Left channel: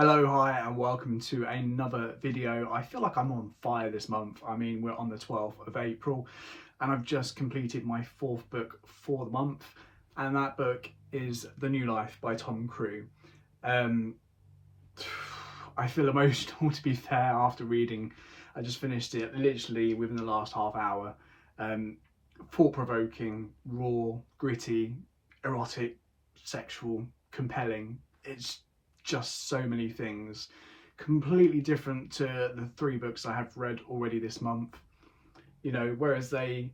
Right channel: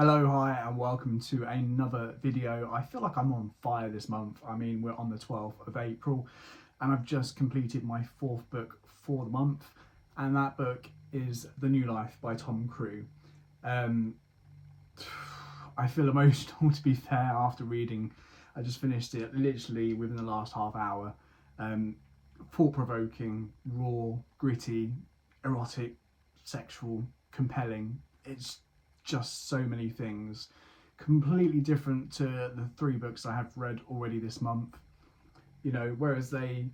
Hello, hi, and welcome to another video. I feel like I'm on fire this month. I mean, we're on the 12th of April, and I've just completed my fourth book for the month, and that book is The New Life by Tom Crewe. I feel emotional, to be fair, after reading. I just finished it literally within the last half hour. Thought-provoking, raw, gritty, erotic, sexual, compelling. It's just so many things, completely different to the three books I have read already this month. You know, whereas they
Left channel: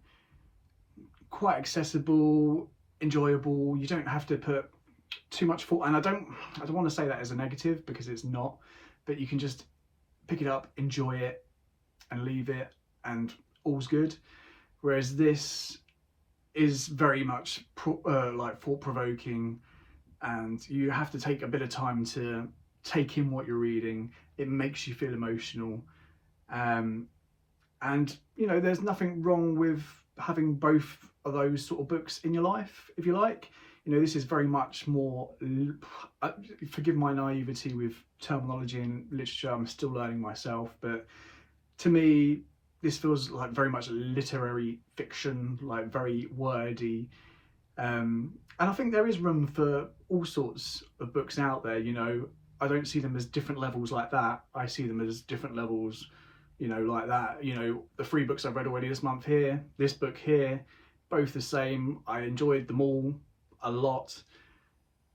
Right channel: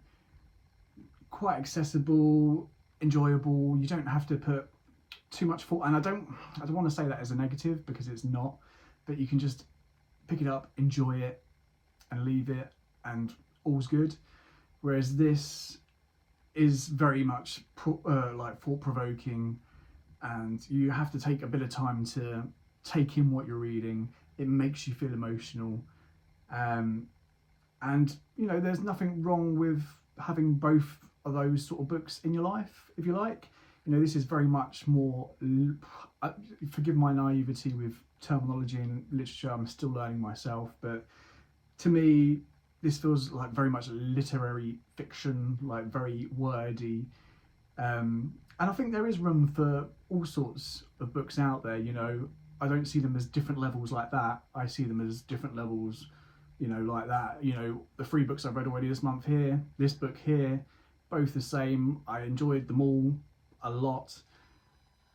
quite accessible, enjoyable. You don't have to put too much thought, and I don't want to say that as a negative because it's not, but you can just pick it up, enjoy it, and leave it, and all's good. Whereas this is very much like thought-provoking, and you have to take a bit of time to take in what you're reading. It makes you feel emotional, and you know, there's nothing wrong with having both of those sort of books in your life, if you like. You know, this is very much more, forgive my naivety with terminology and literature, I'm still learning myself, but to me this feels like very much literary fiction, like very wordy. And I think there is room for all sorts of books out there, you know. I don't see them as different levels like that. I see them as different levels, you know, like that. You know, the three books I've read already this month here, this book here, both the same. I enjoyed them all a lot,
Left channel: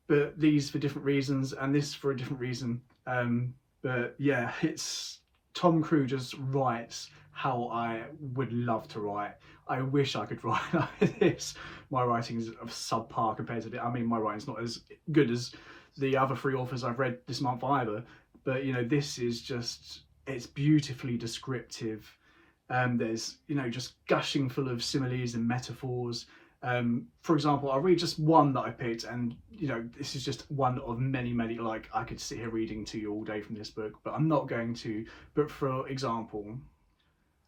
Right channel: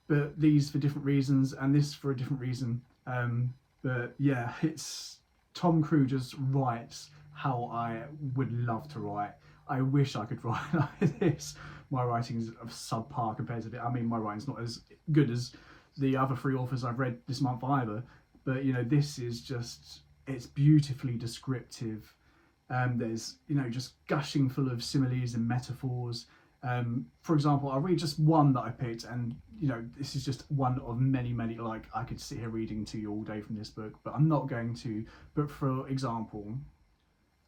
but these for different reasons and this for a different reason. But yeah, it's Tom Crewe just writes how I would love to write. I wish I could write like this. My writing is subpar compared to I mean, my writing's not as good as the other three authors I've read this month either. But you know, this is just, it's beautifully descriptive. There's, you know, just gushing full of similes and metaphors. For example, I'll read just one that I picked, and you know, this is just one of many, like I could sit here reading to you all day from this book, but I'm not going to. But for example,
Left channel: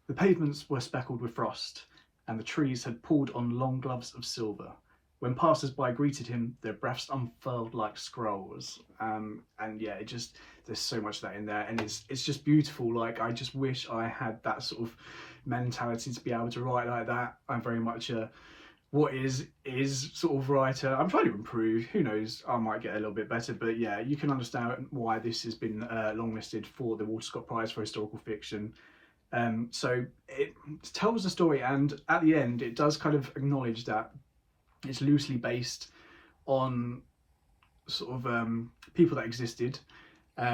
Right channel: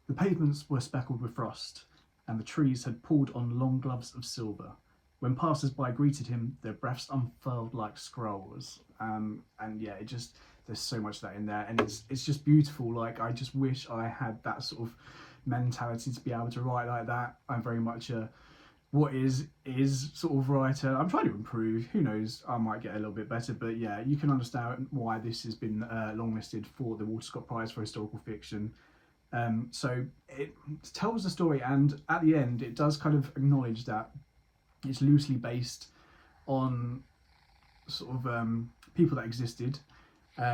the pavements were speckled with frost, and the trees had pulled on long gloves of silver. When passers-by greeted him, their breaths unfurled like scrolls. And yeah, it just, there's so much of that in there, and it's just beautiful. Like, I just wish I had that sort of mentality to be able to write like that. I'm very much a what is sort of writer. I'm trying to improve. Who knows? I might get a little bit better, but yeah, you can understand why this has been longlisted for the Walter Scott Prize for Historical Fiction. So it tells the story, and at the end it does kind of acknowledge that it's loosely based on sort of people that existed.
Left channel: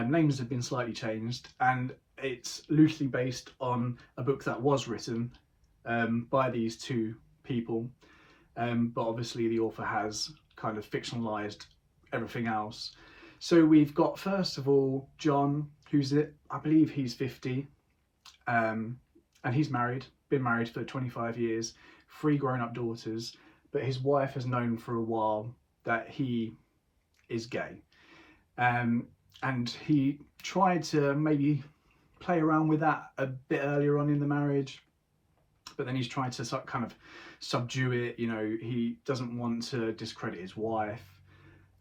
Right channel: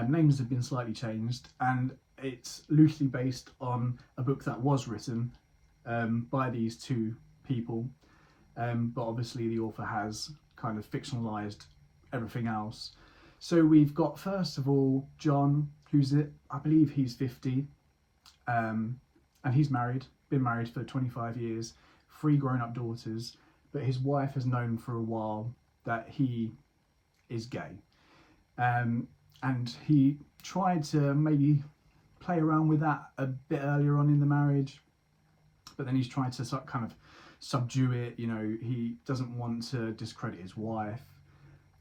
Names have been slightly changed, and it's loosely based on a book that was written by these two people. But obviously the author has kind of fictionalized everything else. So we've got, first of all, John, I believe he's 50, and he's married, been married for 25 years, 3 grown-up daughters, but his wife has known for a while that he is gay. And he tried to maybe play around with that a bit earlier on in the marriage, but then he's trying to kind of subdue it. You know, he doesn't want to discredit his wife,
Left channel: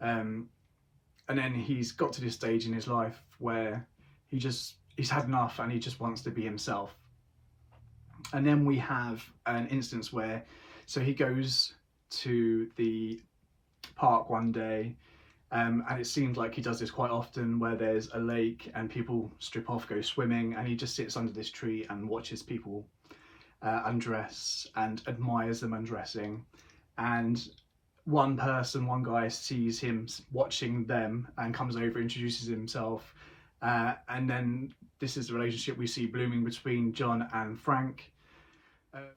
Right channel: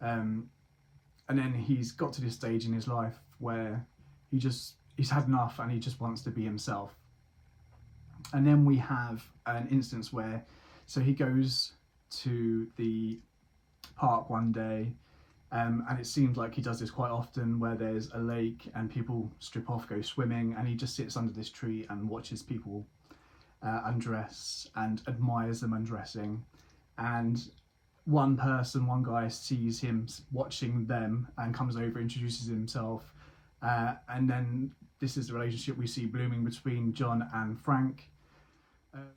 and then he's got to this stage in his life where he's had enough and he just wants to be himself. And then we have an instance where, so he goes to the park one day, and it seems like he does this quite often, where there's a lake and people strip off, go swimming, and he just sits under this tree and watches people undress and admires them undressing. And one guy sees him watching them and comes over, introduces himself, and then this is the relationship we see blooming between John and Frank.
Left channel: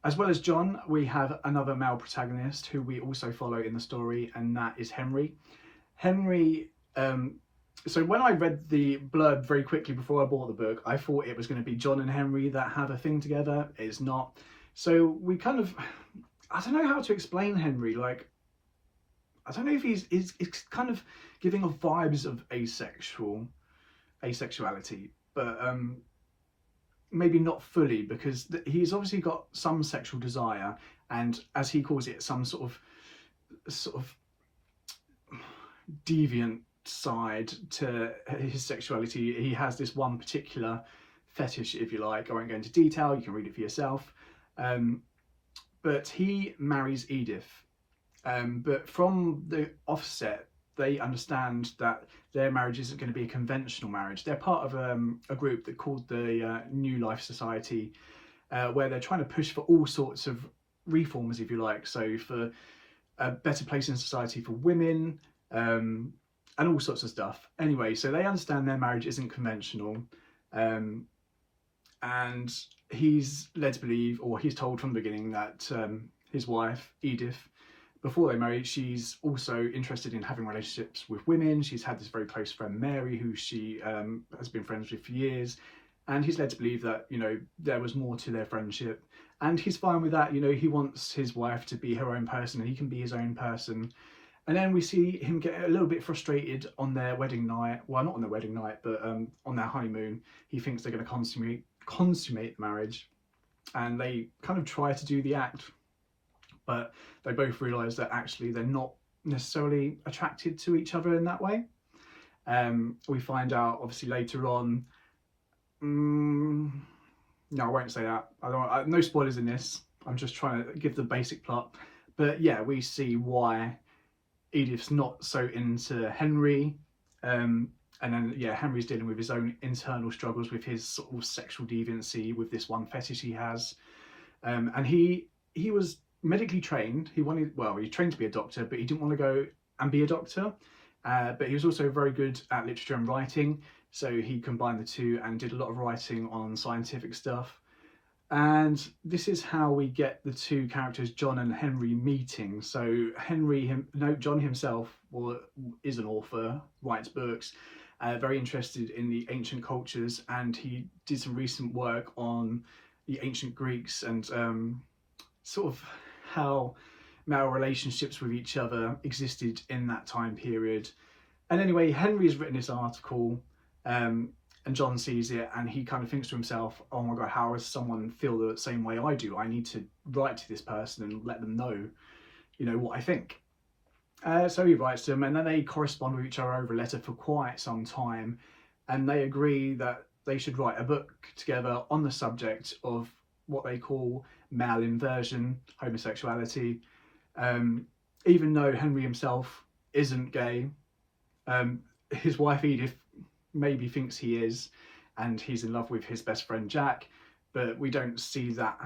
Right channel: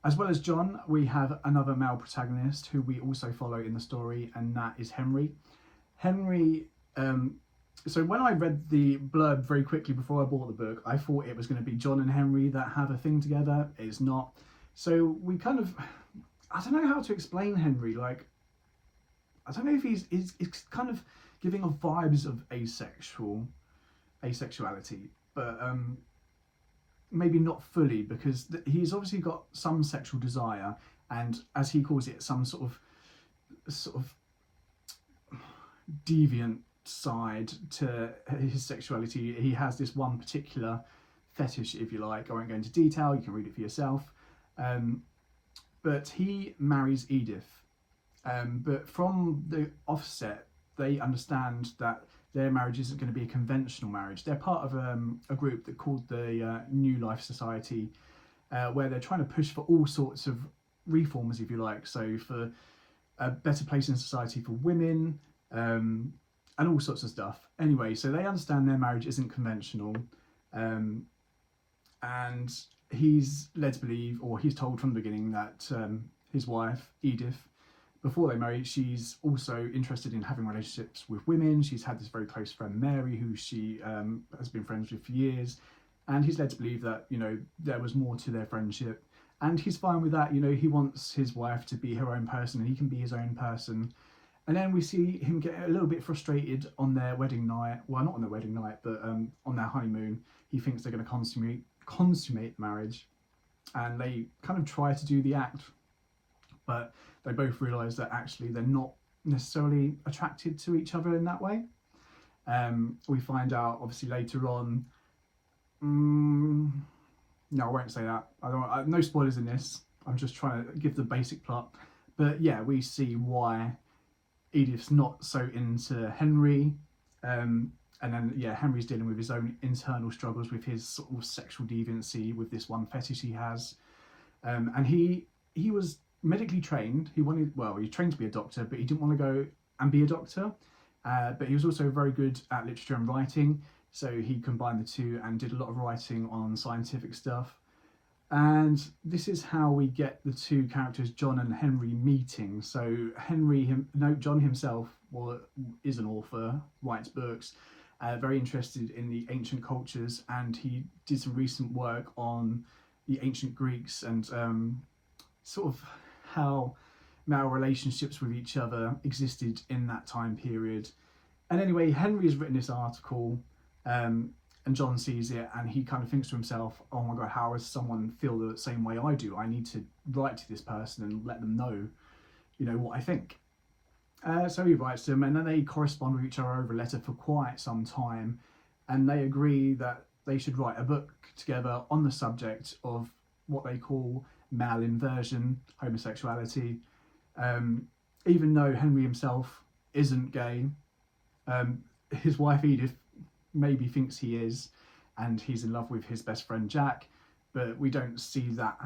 As well as John, we have another male protagonist who we also follow in the story, and that is Henry. So when I read the blurb very quickly before I bought the book, I thought it was going to be John and Henry that have a thing together. It's not. So we kind of, I don't know how to explain Henry. Like, I don't know if he's kind of giving off vibes of asexuality, but maybe not fully, because he's obviously got some sexual desire, and as he calls it, some sort of deviant side to his sexuality. He has this one particular fetish, if you like. I won't go into detail, you can read it for yourself. But he marries Edith. But from the offset, they understand that their marriage isn't going to be a conventional marriage. They're part of a group that called the New Life Society, where they're trying to push for all sorts of reforms, if you like. So for a better place in society for women, and all sorts of stuff. Anyway, so they understand their marriage isn't conventional, and he's led to believe, or he's told from the beginning, that his wife, Edith, before they marry, she's also interested in having relationships with women. She's had this very close friend, Mary, who she has been friends with for years. And he's led to believe that, you know, there was more to their friendship. And he's fine with that. You know, he wants his wife to be her own person and he can be his own person. And then we see him get a little bit frustrated on their wedding night. Well, not on their wedding night, but on their honeymoon. He thinks they're going to consummate the marriage. And they kind of try to do the act. But they both realise that actually they're not necessarily attracted to each other in that way. We find out obviously later on. No, I won't say that. No spoilers in this. I'm just trying to give the basic plot. But yeah, we see why Edith's not so into Henry. And then, yeah, Henry's dealing with his own internal struggles with his sort of sexual deviancy, with this one fetish he has. And he was medically trained. He trained to be a doctor, but he didn't want to go and be a doctor. But he was also very good at literature and writing. So he combined the two and did a lot of writing on scientific stuff. And this is how we get the two characters, John and Henry, meeting. So John himself is an author, writes books, very interested in the ancient cultures, and he did some recent work on the ancient Greeks and sort of how male relationships with each other existed in that time period. And anyway, Henry's written this article, and John sees it and he kind of thinks to himself, oh my god, how does someone feel the same way I do? I need to write to this person and let them know, you know, what I think. So he writes to them, and then they correspond with each other over a letter for quite some time, and they agree that they should write a book together on the subject of what they call male inversion, homosexuality. Even though Henry himself isn't gay, his wife Edith maybe thinks he is, and he's in love with his best friend Jack, but we don't see that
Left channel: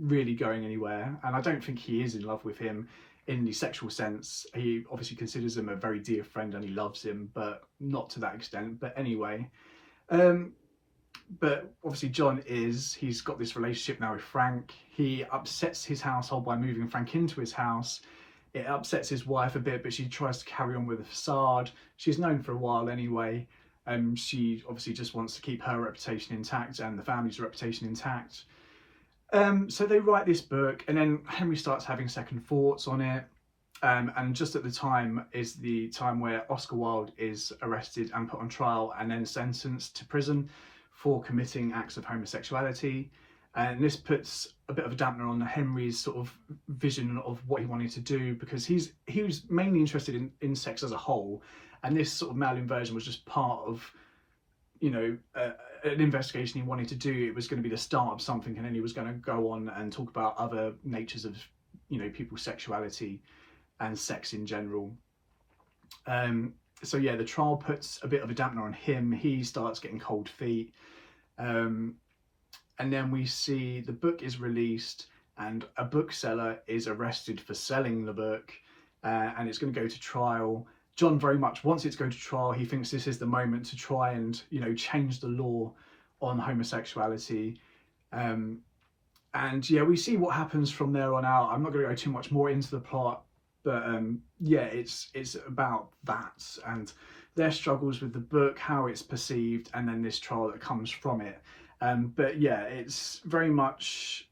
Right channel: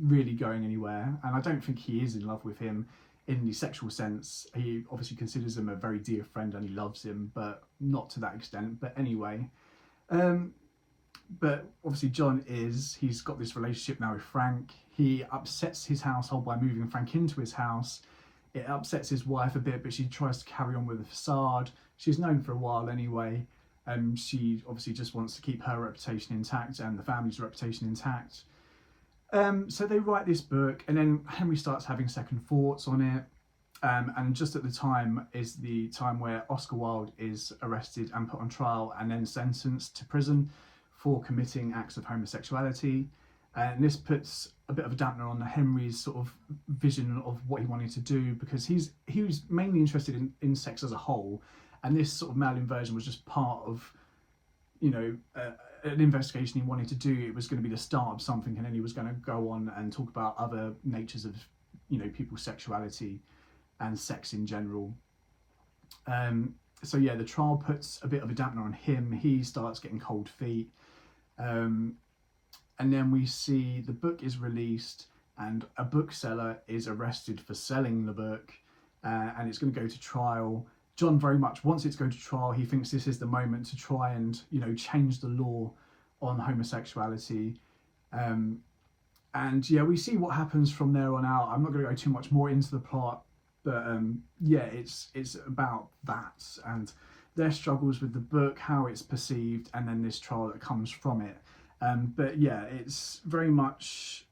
really going anywhere, and I don't think he is in love with him in the sexual sense. He obviously considers him a very dear friend and he loves him, but not to that extent. But anyway, but obviously he's got this relationship now with Frank. He upsets his household by moving Frank into his house. It upsets his wife a bit, but she tries to carry on with a facade. She's known for a while anyway. She obviously just wants to keep her reputation intact and the family's reputation intact. So they write this book, and then Henry starts having second thoughts on it. And just at the time is the time where Oscar Wilde is arrested and put on trial and then sentenced to prison for committing acts of homosexuality. And this puts a bit of a dampener on Henry's sort of vision of what he wanted to do, because he was mainly interested in sex as a whole. And this sort of male inversion was just part of, you know, an investigation he wanted to do. It was going to be the start of something, and then he was going to go on and talk about other natures of, you know, people's sexuality and sex in general. So yeah, the trial puts a bit of a dampener on him. He starts getting cold feet. And then we see the book is released and a bookseller is arrested for selling the book, and it's going to go to trial. John very much wants it to go to trial. He thinks this is the moment to try and, you know, change the law on homosexuality. And yeah, we see what happens from there on out. I'm not going to go too much more into the plot, but yeah, it's about that and their struggles with the book, how it's perceived, and then this trial that comes from it. But yeah, it's very much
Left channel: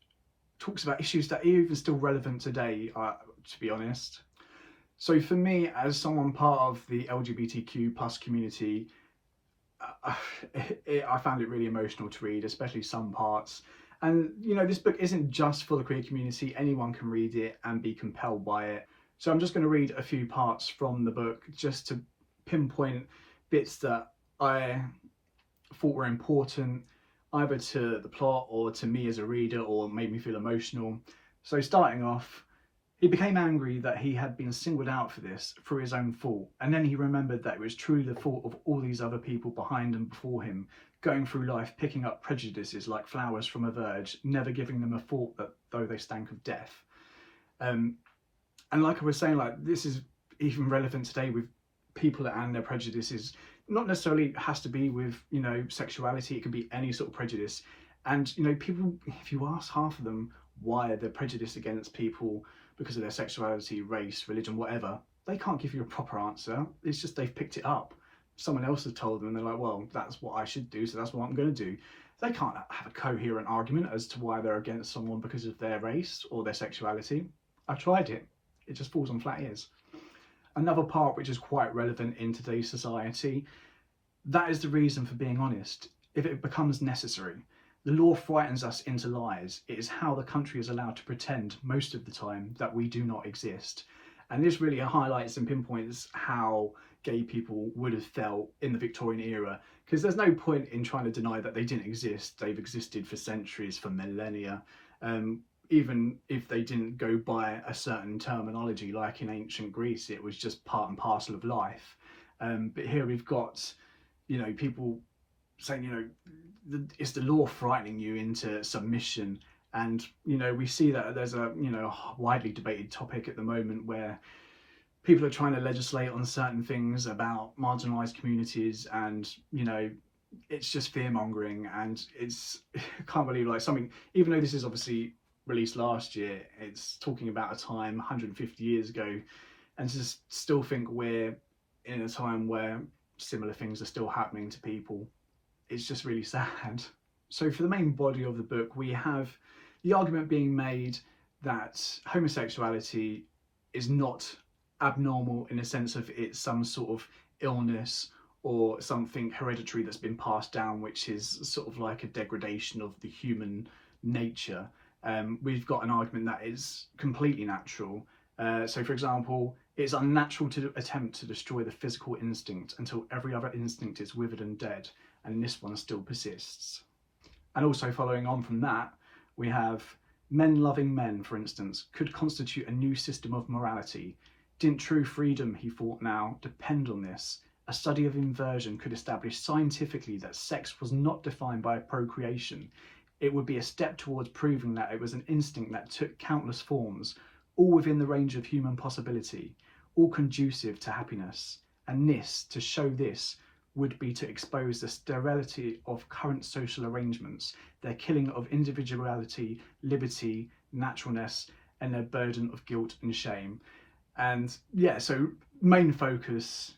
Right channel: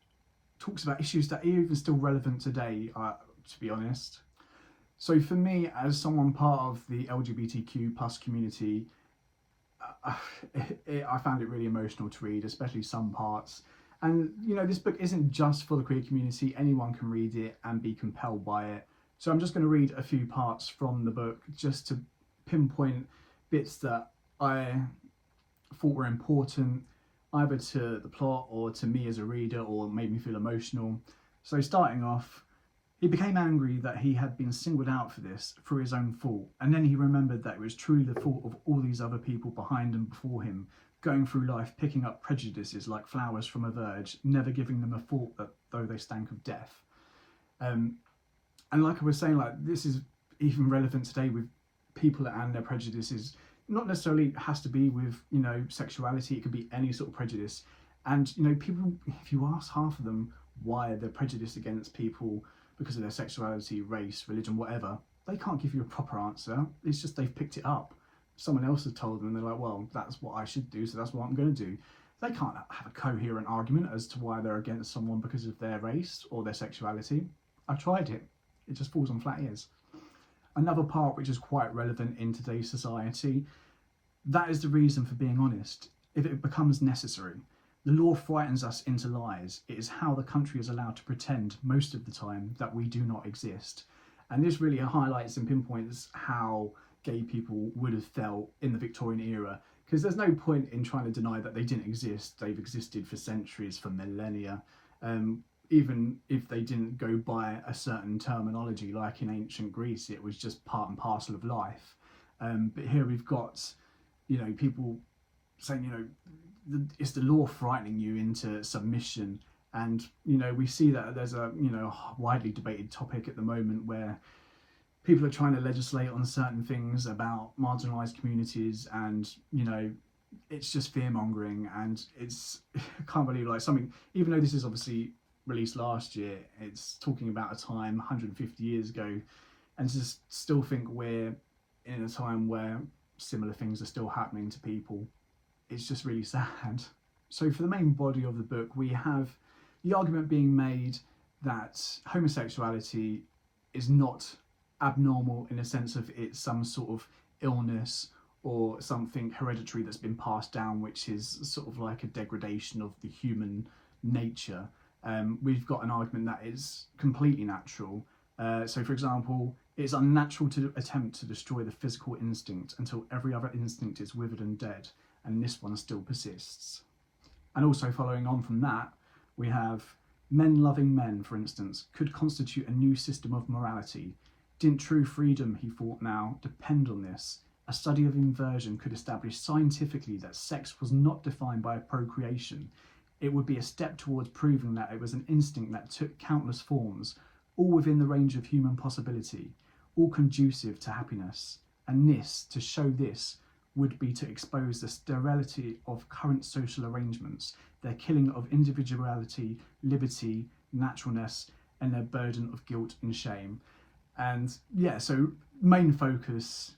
talks about issues that are even still relevant today, to be honest. So for me, as someone part of the LGBTQ plus community, I found it really emotional to read, especially some parts. And, you know, this book isn't just for the queer community. Anyone can read it and be compelled by it. So I'm just going to read a few parts from the book just to pinpoint bits that I thought were important, either to the plot or to me as a reader, or made me feel emotional. So starting off, he became angry that he had been singled out for this through his own fault, and then he remembered that it was truly the fault of all these other people behind and before him, going through life picking up prejudices like flowers from a verge, never giving them a thought that though they stank of death. And like I was saying, like, this is even relevant today with people and their prejudices. Not necessarily has to be with, you know, sexuality. It could be any sort of prejudice. And, you know, people, if you ask half of them why they're prejudiced against people because of their sexuality, race, religion, whatever, they can't give you a proper answer. It's just they've picked it up. Someone else has told them, and they're like, well, that's what I should do, so that's what I'm going to do. They can't have a coherent argument as to why they're against someone because of their race or their sexuality. I've tried it. It just falls on flat ears. Another part which is quite relevant in today's society, that is the reason for being honest. If it becomes necessary, the law frightens us into lies. It is how the country is allowed to pretend most of the time that we do not exist. And this really highlights and pinpoints how gay people would have felt in the Victorian era, because there's no point in trying to deny that they didn't exist. They've existed for centuries, for millennia. Even if they didn't go by a certain terminology, like in ancient Greece, it was just part and parcel of life. But here we've got, you know, people saying, you know, it's the law frightening you into submission. And, you know, we see that there's a, you know, widely debated topic at the moment where people are trying to legislate on certain things about marginalised communities, and, you know, it's just fear-mongering. And it's, I can't believe, like, something, even though this is obviously released last year, it's talking about a time 150 years ago, and to still think we're in a time where similar things are still happening to people, it's just really sad. So for the main body of the book, we have the argument being made that homosexuality is not abnormal in a sense of it's some sort of illness or something hereditary that's been passed down, which is sort of like a degradation of the human nature. We've got an argument that is completely natural. So for example, it's unnatural to attempt to destroy the physical instinct until every other instinct is withered and dead, and this one still persists. And also following on from that, we have men loving men, for instance, could constitute a new system of morality. Didn't true freedom, he thought now, depend on this? A study of inversion could establish scientifically that sex was not defined by procreation. It would be a step towards proving that it was an instinct that took countless forms, all within the range of human possibility, all conducive to happiness. And this, to show this, would be to expose the sterility of current social arrangements, their killing of individuality, liberty, naturalness, and their burden of guilt and shame. And yeah, so main focus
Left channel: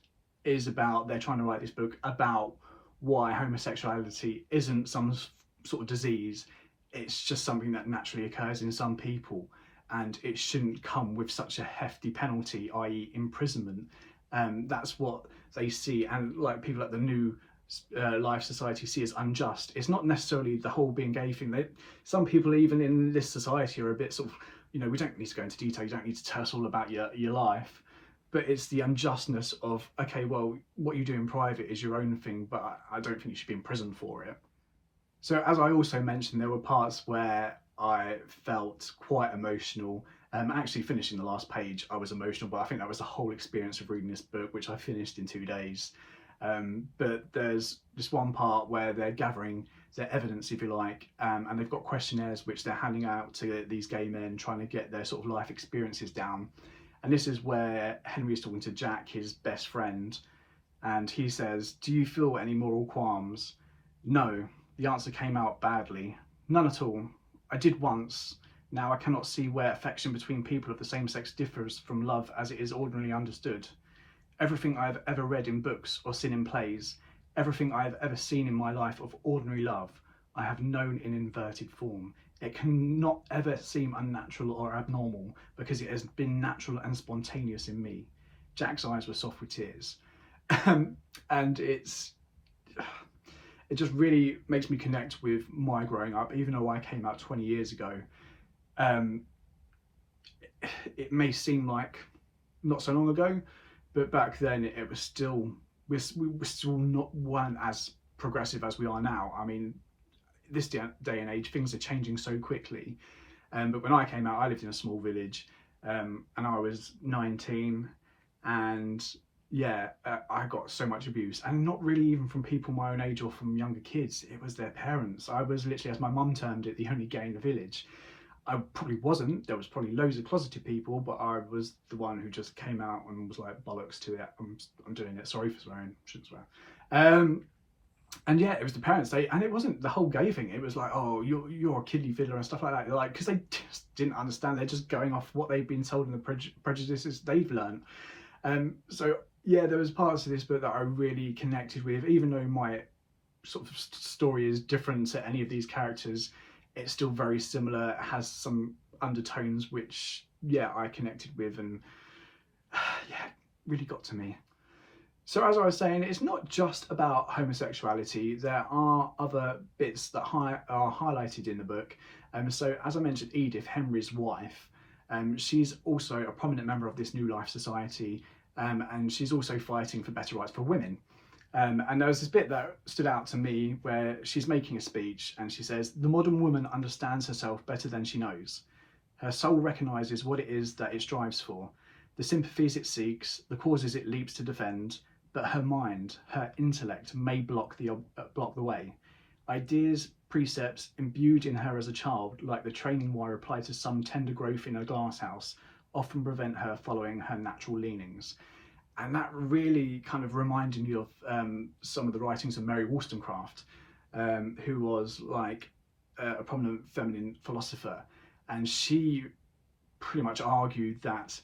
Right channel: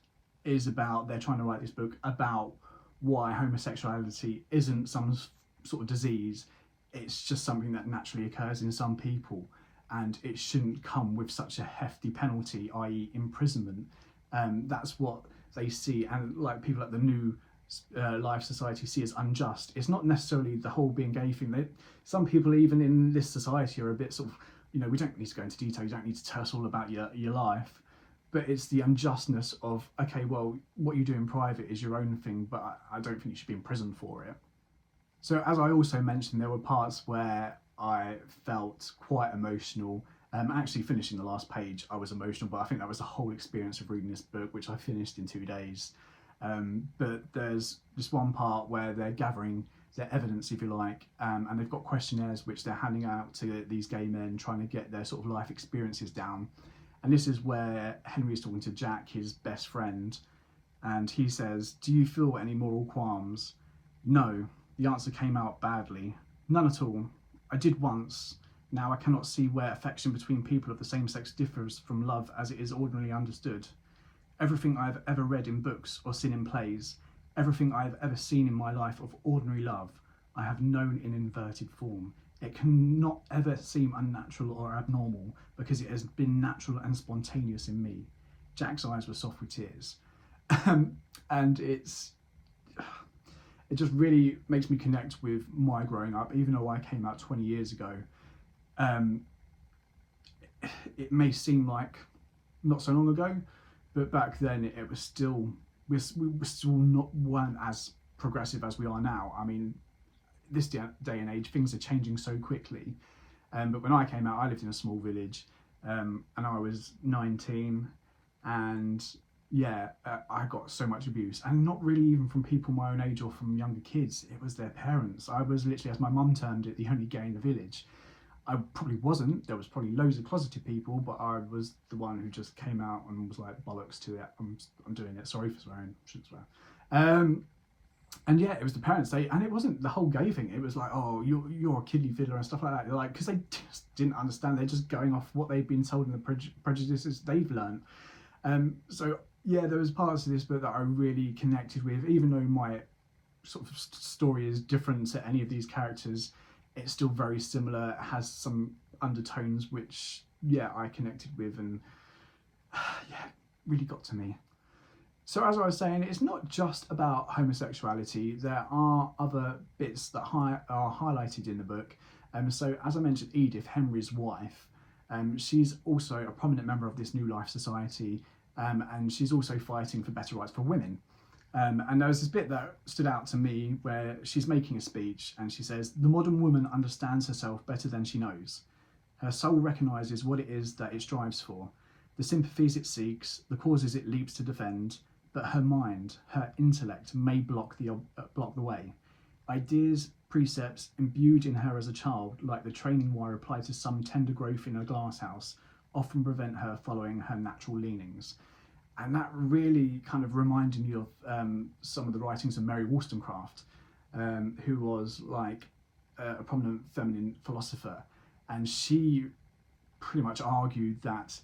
is about, they're trying to write this book about why homosexuality isn't some sort of disease. It's just something that naturally occurs in some people, and it shouldn't come with such a hefty penalty, i.e. imprisonment. That's what they see, and like people at the New Life Society see as unjust. It's not necessarily the whole being gay thing. Some people even in this society are a bit sort of, you know, we don't need to go into detail, you don't need to tell us all about your life, but it's the unjustness of, okay, well, what you do in private is your own thing, but I don't think you should be in prison for it. So as I also mentioned, there were parts where I felt quite emotional. Actually finishing the last page, I was emotional, but I think that was the whole experience of reading this book, which I finished in 2 days. But there's this one part where they're gathering their evidence, if you like, and they've got questionnaires which they're handing out to these gay men, trying to get their sort of life experiences down. And this is where Henry is talking to Jack, his best friend, and he says, "Do you feel any moral qualms?" "No." The answer came out badly. "None at all. I did once. Now I cannot see where affection between people of the same sex differs from love as it is ordinarily understood. Everything I have ever read in books or seen in plays, everything I have ever seen in my life of ordinary love, I have known in inverted form. It cannot ever seem unnatural or abnormal because it has been natural and spontaneous in me." Jack's eyes were soft with tears. And it just really makes me connect with my growing up, even though I came out 20 years ago. It may seem like not so long ago, but back then it was still, we were still weren't as progressive as we are now. I mean, this day and age, things are changing so quickly. But when I came out, I lived in a small village, and I was 19, and yeah, I got so much abuse, and not really even from people my own age or from younger kids. It was their parents. I was literally, as my mum termed it, the only gay in the village. I probably wasn't. There was probably loads of closeted people, but I was the one who just came out and was like, bollocks to it. I'm doing it. Sorry for swearing. Shouldn't swear. And yeah, it was the parents. And it wasn't the whole gay thing. It was like, oh, you're a kiddie fiddler and stuff like that. They're like, because they just didn't understand. They're just going off what they've been told and the prejudices they've learned. So yeah, there was parts of this book that I really connected with, even though my sort of story is different to any of these characters. It's still very similar. It has some undertones which, yeah, I connected with, and yeah, really got to me. So as I was saying, it's not just about homosexuality. There are other bits that are highlighted in the book. So as I mentioned, Edith, Henry's wife, she's also a prominent member of this New Life Society, and she's also fighting for better rights for women. And there was this bit that stood out to me where she's making a speech and she says, "The modern woman understands herself better than she knows. Her soul recognises what it is that it strives for, the sympathies it seeks, the causes it leaps to defend, but her mind, her intellect may block the way. Ideas, precepts imbued in her as a child, like the training wire applied to some tender growth in a glasshouse, often prevent her following her natural leanings." And that really kind of reminded me of some of the writings of Mary Wollstonecraft, who was like a prominent feminine philosopher. And she pretty much argued that,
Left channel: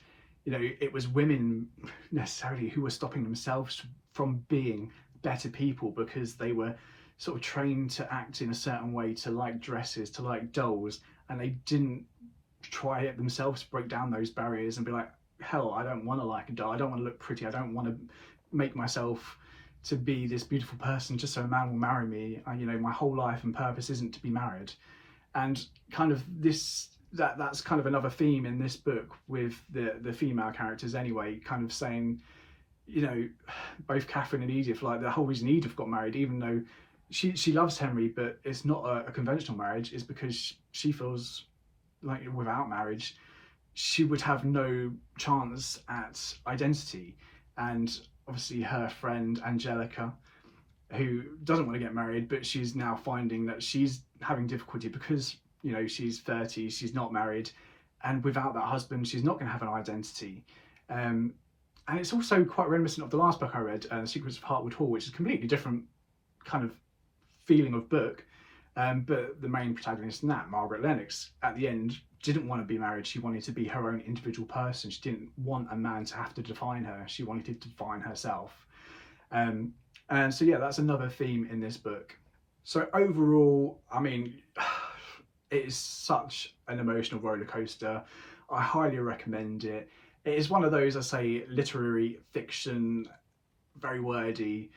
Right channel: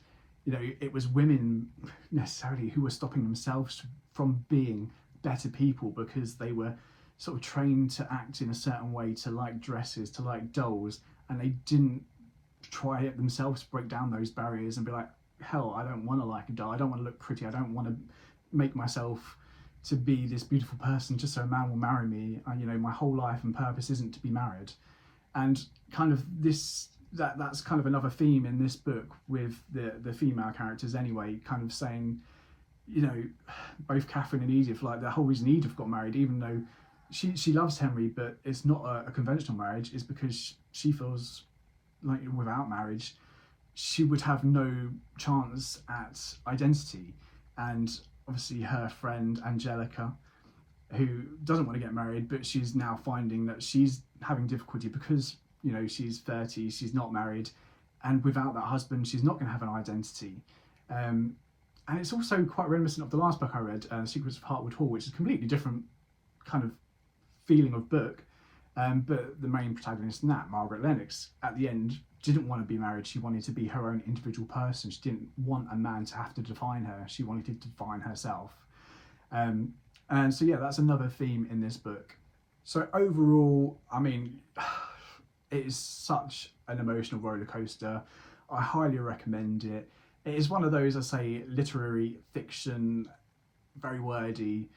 you know, it was women necessarily who were stopping themselves from being better people, because they were sort of trained to act in a certain way, to like dresses, to like dolls, and they didn't try it themselves, break down those barriers and be like, hell, I don't want to like a doll, I don't want to look pretty, I don't want to make myself to be this beautiful person just so a man will marry me. You know, my whole life and purpose isn't to be married. And kind of that's kind of another theme in this book with the female characters anyway, kind of saying, you know, both Catherine and Edith, like the whole reason Edith got married, even though she loves Henry, but it's not a conventional marriage, is because she feels like without marriage she would have no chance at identity. And obviously her friend Angelica, who doesn't want to get married, but she's now finding that she's having difficulty because, you know, she's 30, she's not married, and without that husband she's not going to have an identity. And it's also quite reminiscent of the last book I read, Secrets of Heartwood Hall, which is a completely different kind of feeling of book. But the main protagonist in that, Margaret Lennox, at the end didn't want to be married. She wanted to be her own individual person. She didn't want a man to have to define her. She wanted to define herself. And so yeah, that's another theme in this book. So overall, I mean, it is such an emotional roller coaster. I highly recommend it. It is one of those, I say, literary fiction, very wordy.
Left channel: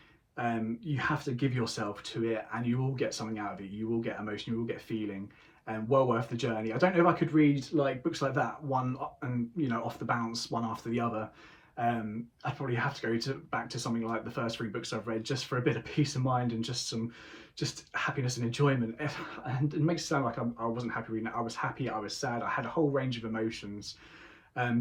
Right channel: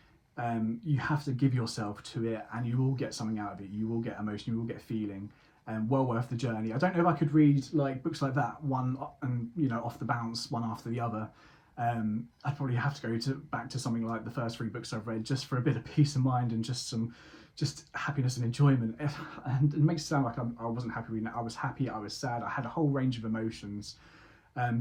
You have to give yourself to it and you will get something out of it. You will get emotion, you will get feeling, and well worth the journey. I don't know if I could read like books like that one and, you know, off the bounce, one after the other. I'd probably have to go back to something like the first 3 books I've read, just for a bit of peace of mind and just happiness and enjoyment. And it makes it sound like I wasn't happy reading it. I was happy, I was sad, I had a whole range of emotions.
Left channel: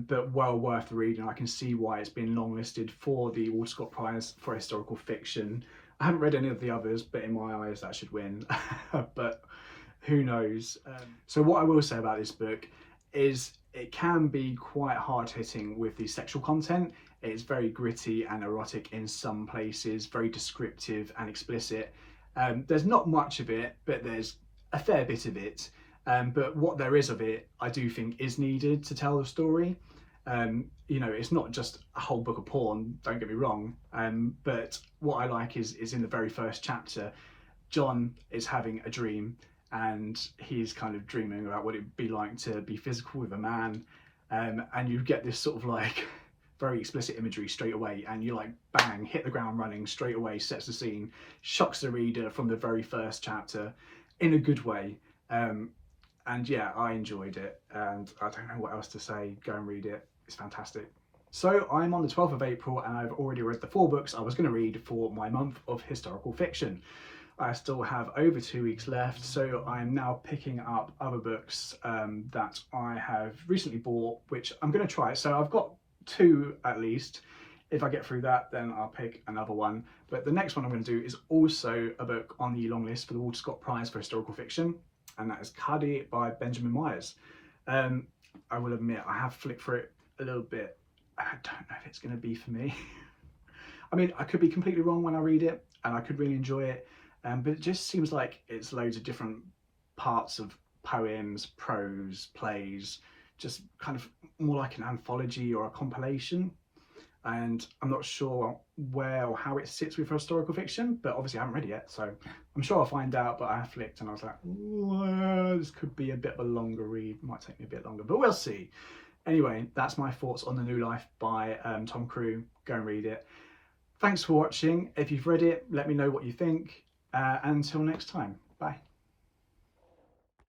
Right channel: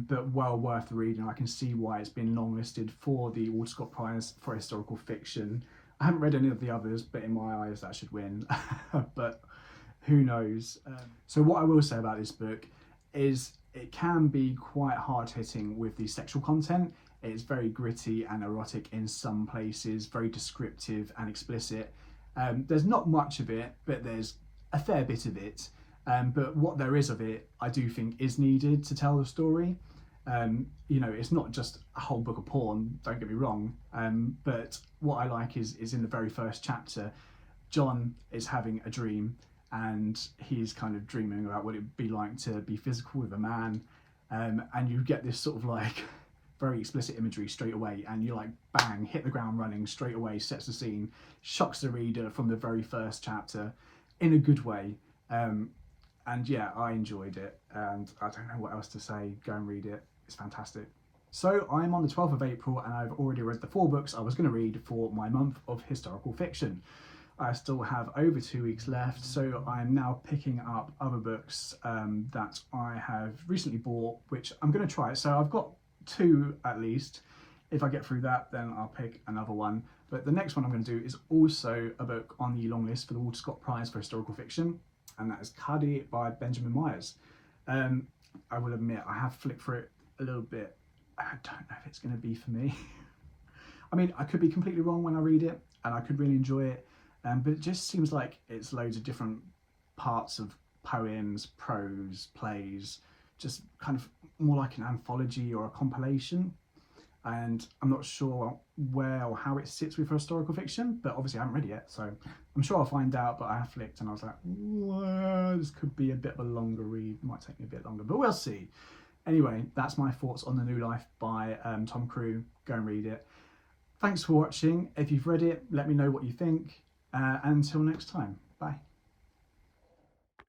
But well worth the reading. I can see why it's been longlisted for the Walter Scott Prize for historical fiction. I haven't read any of the others, but in my eyes that should win. But who knows? So what I will say about this book is it can be quite hard-hitting with the sexual content. It's very gritty and erotic in some places, very descriptive and explicit. There's not much of it, but there's a fair bit of it. But what there is of it, I do think is needed to tell the story. You know, it's not just a whole book of porn, don't get me wrong. But what I like is in the very first chapter, John is having a dream and he's kind of dreaming about what it'd be like to be physical with a man. And you get this sort of like very explicit imagery straight away, and you like bang, hit the ground running straight away, sets the scene, shocks the reader from the very first chapter in a good way. And yeah, I enjoyed it, and I don't know what else to say. Go and read it. It's fantastic. So I'm on the 12th of April and I've already read the 4 books I was going to read for my month of historical fiction. I still have over 2 weeks left, so I'm now picking up other books that I have recently bought, which I'm going to try. So I've got 2 at least. If I get through that, then I'll pick another one. But the next one I'm going to do is also a book on the long list for the Walter Scott Prize for Historical Fiction, and that is Cuddy by Benjamin Myers. I will admit I have flicked through it a little bit. I don't know if it's going to be for me. I mean, I could be completely wrong when I read it, and I could really enjoy it. But it just seems like it's loads of different parts of poems, prose, plays, just kind of more like an anthology or a compilation. And I'm not sure where or how it sits with historical fiction, but obviously I haven't read it yet, so I'm sure I'll find out. But I have flicked and I was like, well, this could be a bit of a longer read, might take me a bit longer, but we'll see. Anyway, that's my thoughts on The New Life by Tom Crewe. Go and read it. Thanks for watching. If you've read it, let me know what you think. Until next time, bye.